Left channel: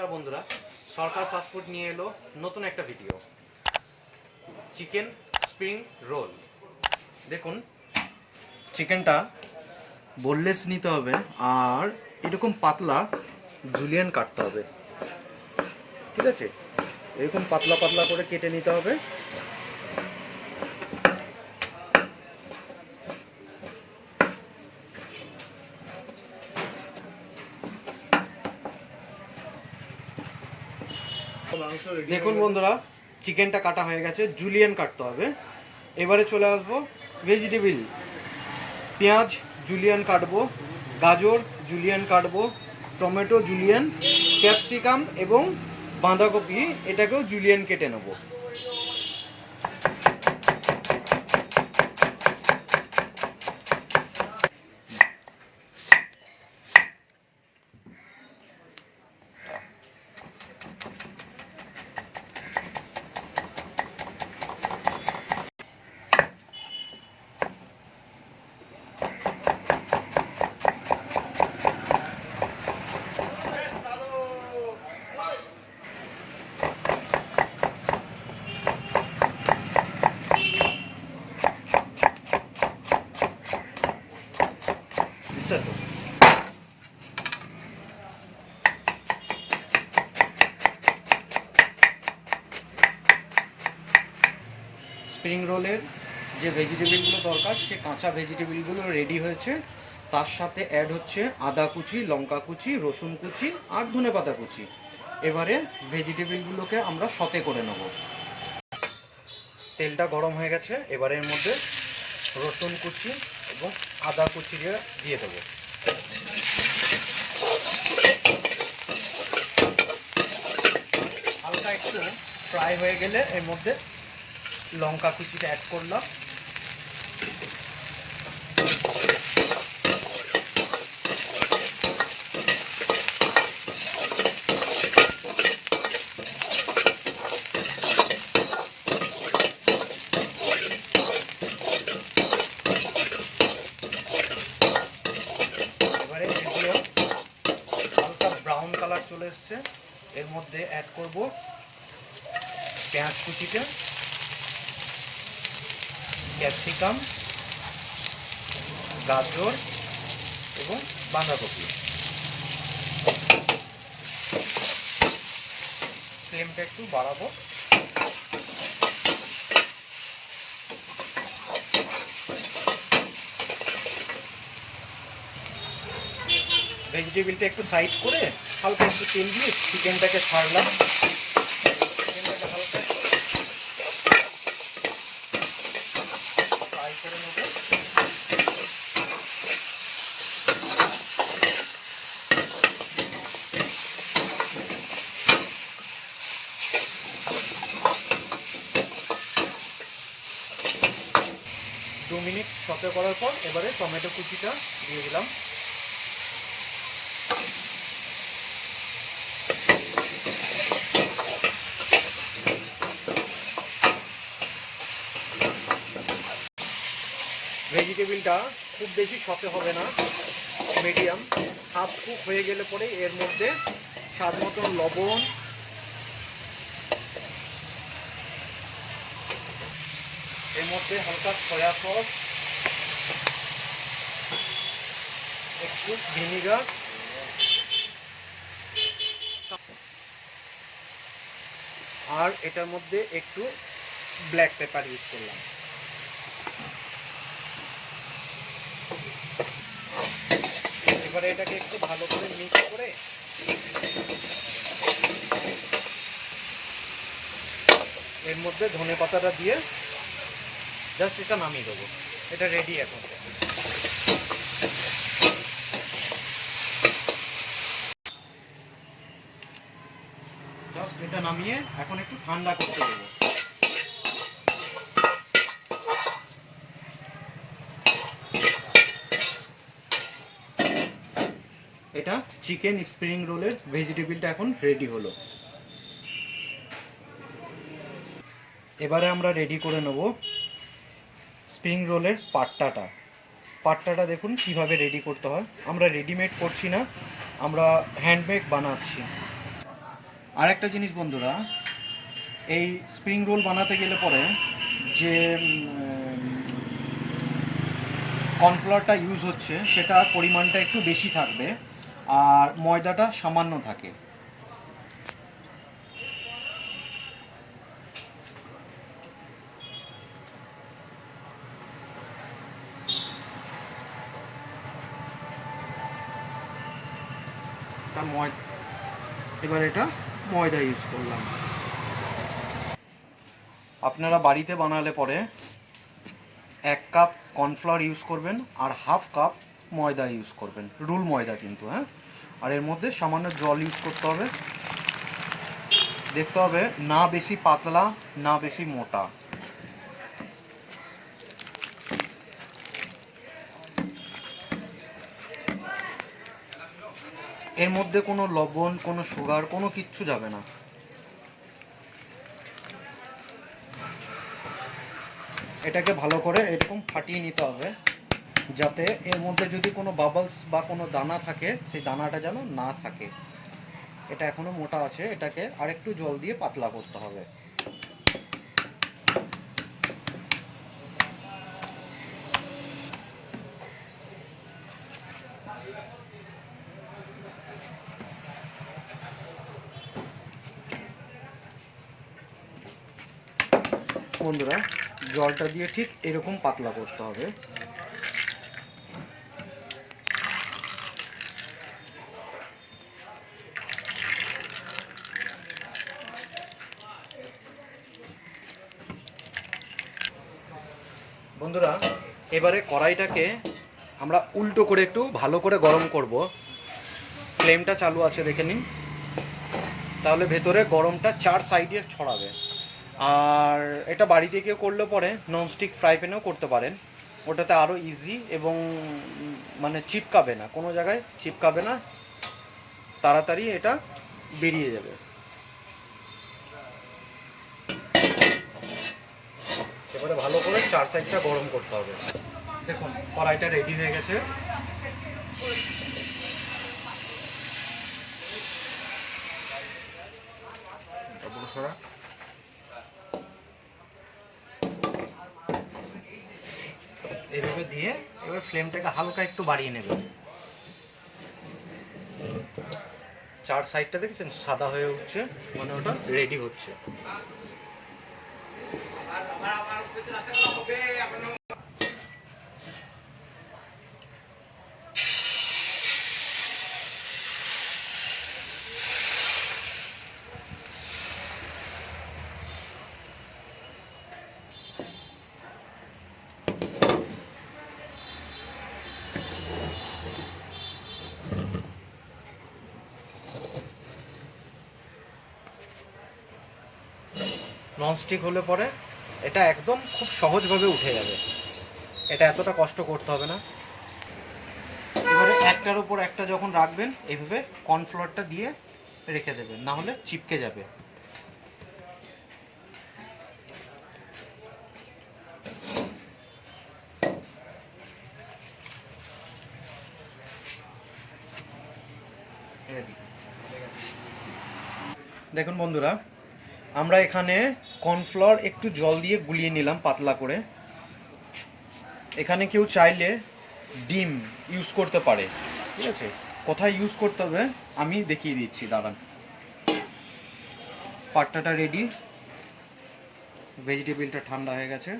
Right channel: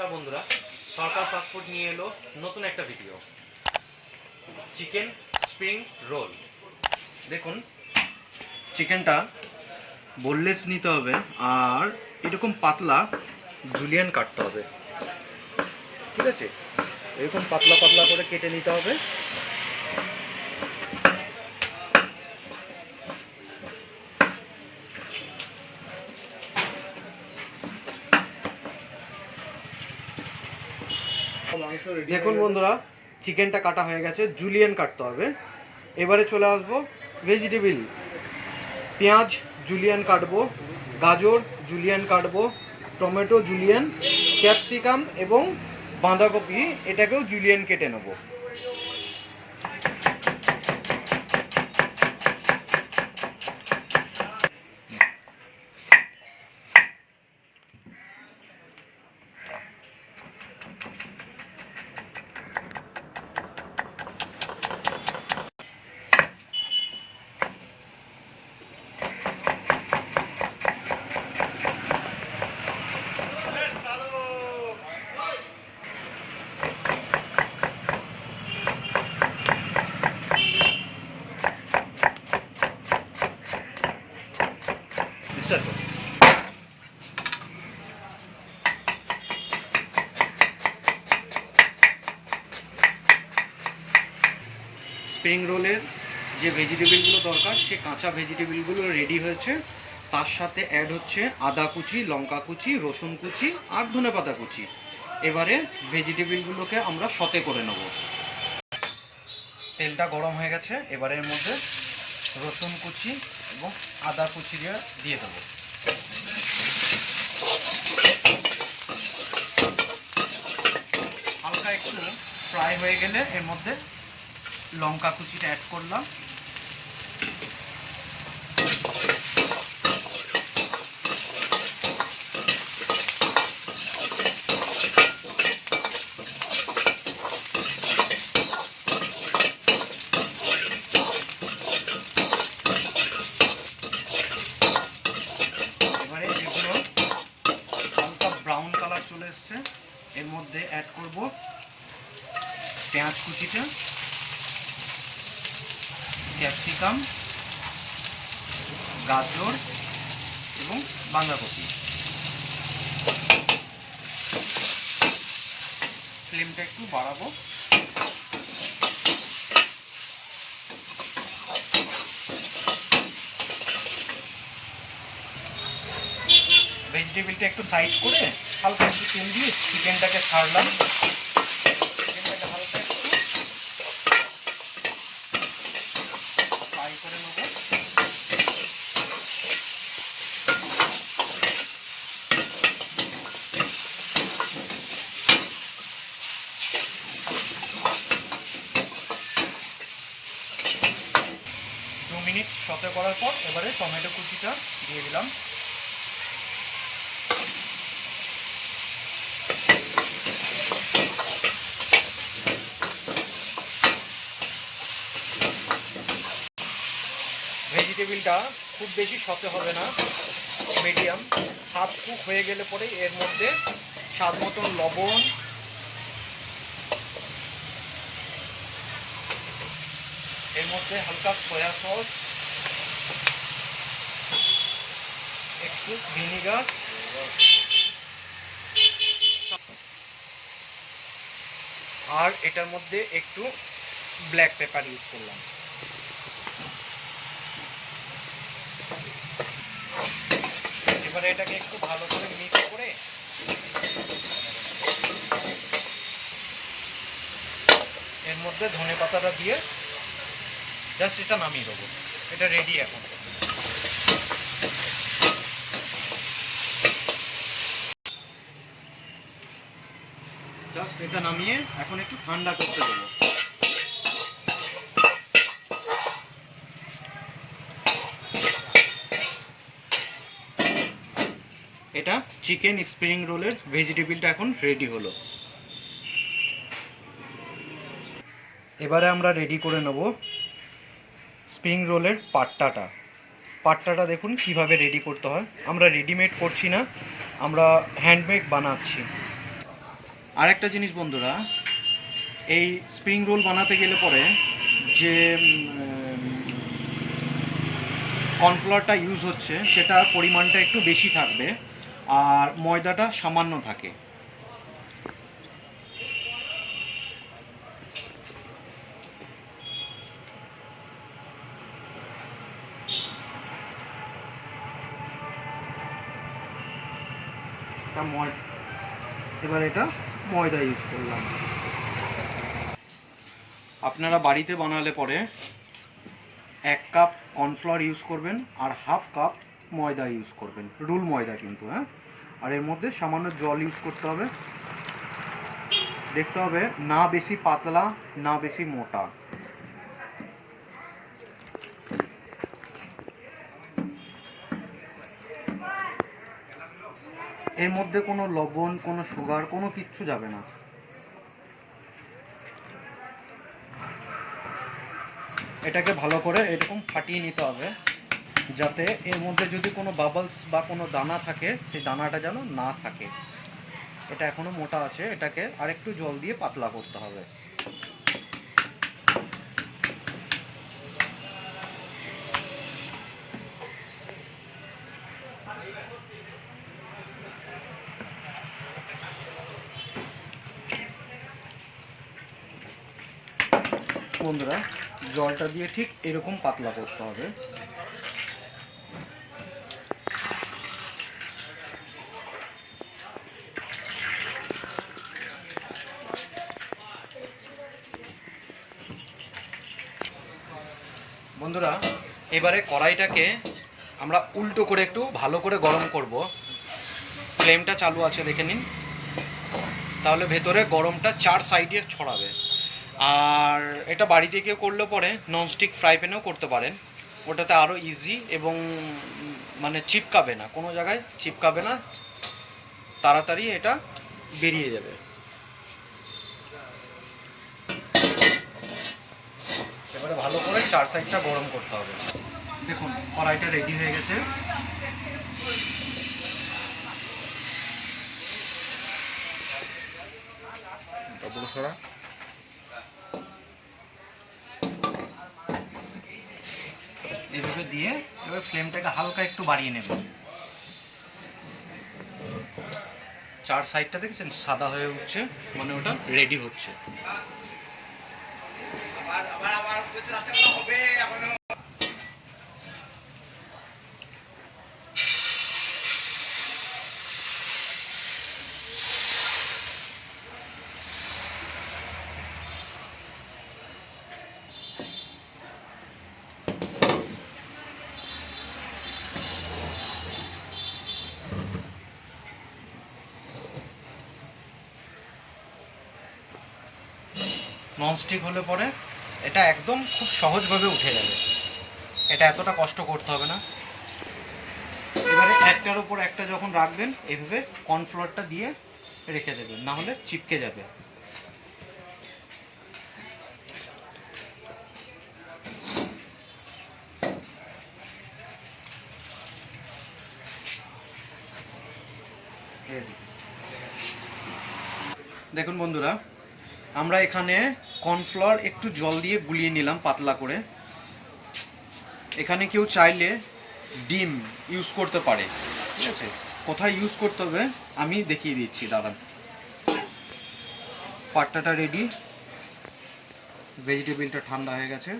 নমস্কার বন্ধুরা, সরকার ফাস্টফুড নিয়ে এলো নতুন একটা ভিডিও, চিকেন স্প্রিং রোল। দেখুন, চিকেনটা বোনলেস নিতে হবে আর এরকম পাতলা জুলিয়ান কাটতে হবে। ঠিক আছে, এরকম পাতলা পাতলা করে কেটে নিতে হবে। দেখুন বন্ধুরা, চিকেনটা কাটা হয়ে গেছে, জুলিয়ান কাটতে হবে। এবারে চলে আসবো ভেজিটেবিল। পেঁয়াজ জুলিয়ান কাটবো, গাজর জুলিয়ান কাটবো, টমেটো জুলিয়ান, ক্যাপসিকাম এবং বাঁধাকপি এটাকেও জুলিয়ান কেটে নেবো। স্প্রিং রোলের যে ভেজিটেবিলগুলো দরকার, সে কাঁচা ভেজিটেবিলগুলো রেডি হয়েছে। তার সাথে অ্যাড হচ্ছে আদা কুচি, লঙ্কা কুচি, রসুন কুচি আর ধনেপাতা কুচি। এবারে ভেজিটেবিলগুলোকে আমরা সতে করে নেব। তেলটা গরম হয়ে গেছে, এবারে এর মধ্যে রসুন কুচি এবং আদা কুচি দিয়ে দেবো। হালকা একটু ফ্রাই হয়ে গেলে এর মধ্যে লঙ্কা কুচিটা অ্যাড করলাম। এবারে এগুলো হালকা ব্রাউন কালার চলে এসছে, এর মধ্যে অ্যাড করব পেঁয়াজ কুচিটা, ক্যাপসিকাম, গাজর এবং বাঁধাকপি। ফ্লেমটা একটু বাড়াবো। ভেজিটেবিলটা একটু সাইড করে হালকা একটু তেল দিয়ে চিকেনটাকে ছাড়লাম। চিকেনটাকে হালকা ফ্রাই করে নেব। দু মিনিট সতে করার পর এবারে টমেটো কুচিটা দিয়ে দিলাম। ভেজিটেবিলটা খুব বেশি সতে হবে না, মিডিয়াম। হাফ কুক হয়ে গেলে পরে এর মধ্যে স্বাদ মতন লবণ, এর মধ্যে হালকা সয়া সস, একটু ভিনিগার আর এটার মধ্যে একটু ব্ল্যাক পেপার ইউজ করলাম। এবারে এটাকে একটু ভালো করে মিক্স করে এর মধ্যে ধনেপাতাটা দিয়ে জাস্ট এটা নামিয়ে দেবো। এটা রেডি এখন। জাস্ট এটা নামিয়ে এখন একটু ঠান্ডা করতে দেবো। এটা চিকেন স্প্রিং রোলের ভেজিটেবিলটা এখন রেডি হলো। এবারে আমরা রেডি করে নেব স্প্রিং রোলের পাট্টাটা দেখুন কিভাবে রেডি করতে হয়। আমরা রেডিমেড করছি না, আমরা হ্যান্ডমেড বানাচ্ছি। আর একটা জিনিস বন্ধুরা, এই স্প্রিং রোল বানাতে গেলে পরে যে কর্নফ্লাওয়ারটা ইউজ হচ্ছে সেটার পরিমাণটা একটু বেশি থাকবে আর ময়দাটা সামান্য থাকে। এবার এটা ময়দা ইউজ করলাম। আপনারা বাড়িতে বানালে পরে 1 কাপ কর্নফ্লাওয়ার ইউজ করবেন আর হাফ কাপ ময়দা ইউজ করবেন, রুল ময়দা কিন্তু, হ্যাঁ। আর এর মধ্যে সামান্য জল ইউজ করতে হবে। দেখতে হবে না বেশি পাতলা না বেশি মোটা। এর মধ্যে কোনো লবণ, কোনো সুগার, কোনো কিচ্ছু যাবে না। এটাকে ভালো করে এরকম ফাটিয়ে নিতে হবে, যাতে এর মধ্যে যদি কোনো বাবলস বা কোনো দানা থাকে সেই দানাটা যেন না থাকে। এটা এখনো মোটা আছে, এটাকে আরেকটু জল দিয়ে পাতলা করতে হবে। বন্ধুরা, জলটা দিয়ে ঠিক এরকম পাতলা করতে হবে। বন্ধুরা, এবারে কড়াইটাকে আমরা উল্টো করে একটু ভালো করে গরম করব। ফ্লেমটা চালু আছে দেখে নিন, তাহলে ভেতরে গরমটা 4 সাইডে ছড়াবে। আর এটা বাড়িতে কেউ করলে পরে ননস্টিক ফ্রাই প্যানেও করতে পারেন, ওটাতে আরও ইজি এবং মানে চিপকাবে না, কোনো জায়গায় চিপকাবে না, তাড়াতাড়ি এটা বেরিয়ে যাবে। এবারে ভালো করে 4 সাইডটা গরম করতে হবে। দেখুন কড়াইটা রেডি হয়ে গেছে। এইভাবে দিয়ে এবার ফ্লেমটাকে হালকা একটু বাড়িয়ে নেবেন। 4 সাইডটা দেখছেন সাদা হয়ে উঠছে, মানে ওটা রেডি হচ্ছে। ননস্টিক হলে পরে এটা একদম খুব সহজভাবে উঠে যাবে, এটা এতটা কষ্ট করতে হবে না। এবারে একটার উপর একটা যখন রাখবেন এইভাবে কর্নফ্লাওয়ারটা দিয়ে রেখে দেবেন, না হলে চিপকে যাবে। দেখুন বন্ধুরা, আমরা এখানে কর্নফ্লাওয়ার একটু জল দিয়ে গুলিয়ে নিলাম পাতলা করে। এখানে কেউ চাইলে ডিম ইউজ করতে পারে, ঠিক আছে। কোথায় ইউজ করতে হবে আমি দেখিয়ে দিচ্ছি, দাঁড়ান। পাট্টাটা রেডি, ভেজিটেবিলটা ঠান্ডা হয়ে গেছে।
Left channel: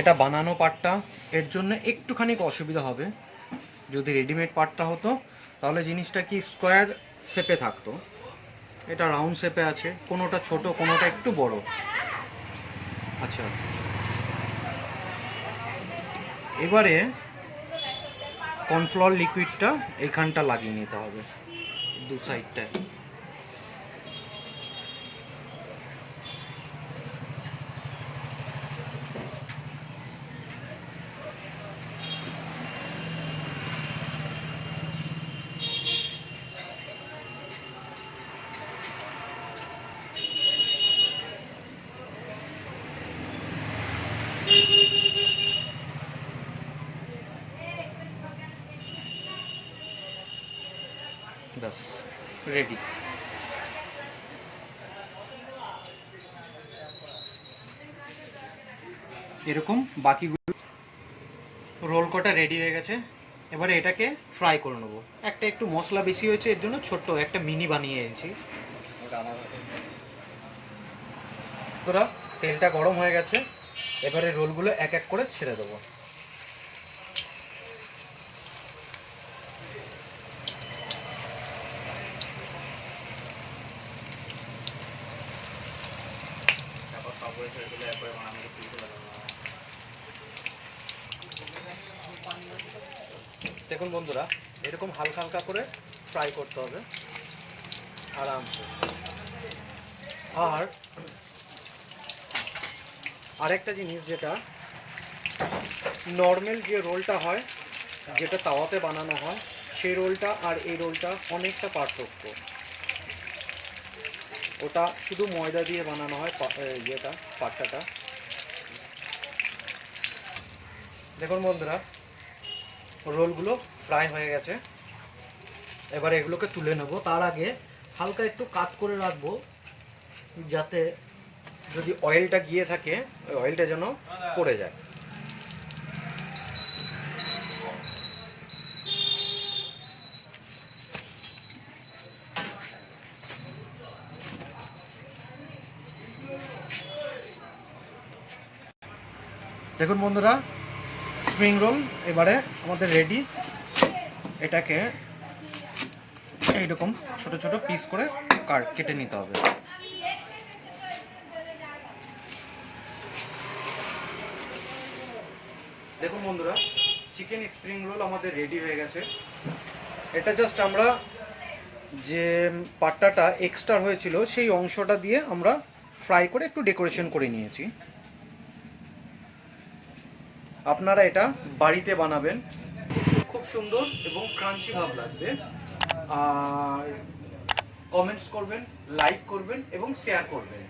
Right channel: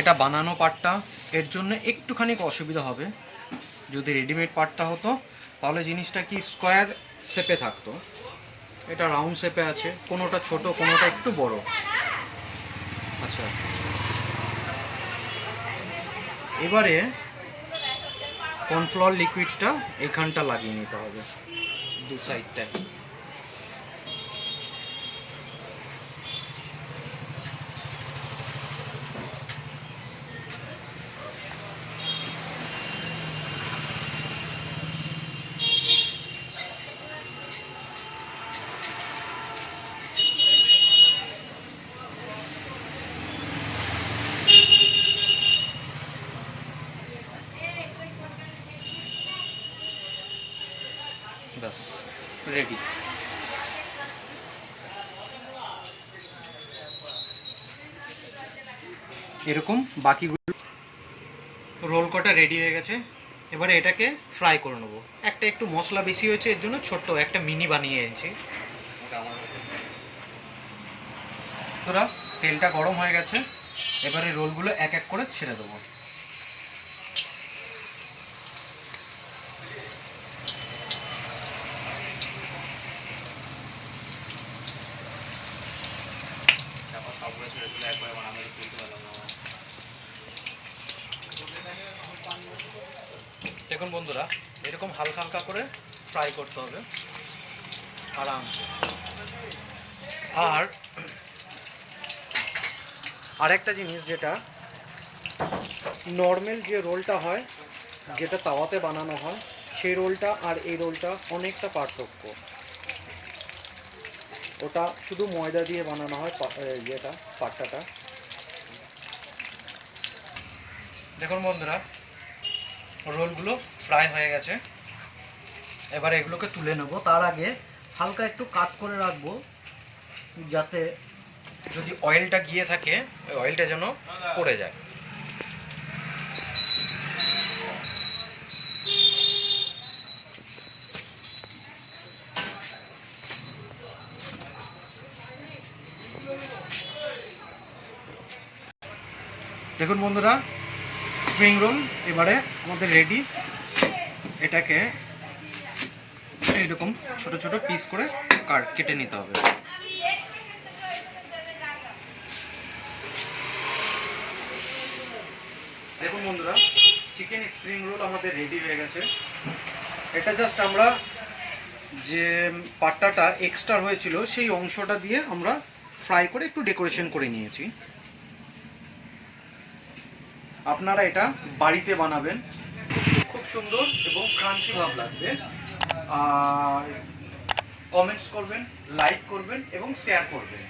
এটা বানানো পাটটা এর জন্য একটুখানি অসুবিধা হবে। যদি রেডিমেড পাটটা হতো তাহলে জিনিসটা কি স্কোয়ার শেপে থাকতো, এটা রাউন্ড শেপে আছে, কোনোটা ছোট কোনোটা একটু বড়। আচ্ছা, এবারে কর্নফ্লাওয়ার লিকুইডটা এইখানটা লাগিয়ে নিতে হবে, দু সাইডটা। ব্যাস রেডি। এরকম বাকিগুলো রোল কটা রেডি হয়ে গেছে। এবারে এটাকে ফ্রাই করে নেবো। একটা একটু মশলা বেশি হয়েছে, এর জন্য ছোট্ট একটা মিনি বানিয়ে এনেছি। তোরা তেলটা গরম হয়ে গেছে, এবারে রোলগুলো এক এক করে ছেড়ে দেবো। দেখুন বন্ধুরা, এরকম হালকা হালকা করে ফ্রাই করতে হবে আরামসে। আর আরেকটা জিনিস, যেটা নর্মাল যে রোলটা হয়, যেটা তাওয়াতে বানানো হয়, সেই রোলটা আর এই রোলটা অনেকটা পার্থক্য। ওটা শুধু ময়দা দিয়ে বানানো হয়, যেটা পাট্টাটা। দেখুন বন্ধুরা, রোলগুলো ফ্রাই হয়ে গেছে। এবার এগুলোকে তুলে নেব। তার আগে হালকা একটু কাট করে রাখবো, যাতে যদি অয়েলটা গিয়ে থাকে ওই অয়েলটা যেন পড়ে যায়। দেখুন বন্ধুরা, স্প্রিং রোল এবারে আমাদের রেডি। এটাকে এইরকম ছোট ছোট পিস করে কেটে নিতে হবে। দেখুন বন্ধুরা, চিকেন স্প্রিং রোল আমাদের রেডি হয়ে গেছে। এটা জাস্ট আমরা যে পাট্টাটা এক্সট্রা হয়েছিল সেই অংশটা দিয়ে আমরা ফ্রাই করে একটু ডেকোরেশন করে নিয়েছি। আপনারা এটা বাড়িতে বানাবেন, খুব সুন্দর এবং ক্রাঞ্চি ভাব লাগবে। আর কমেন্টস করবেন, লাইক করবেন এবং শেয়ার করবেন।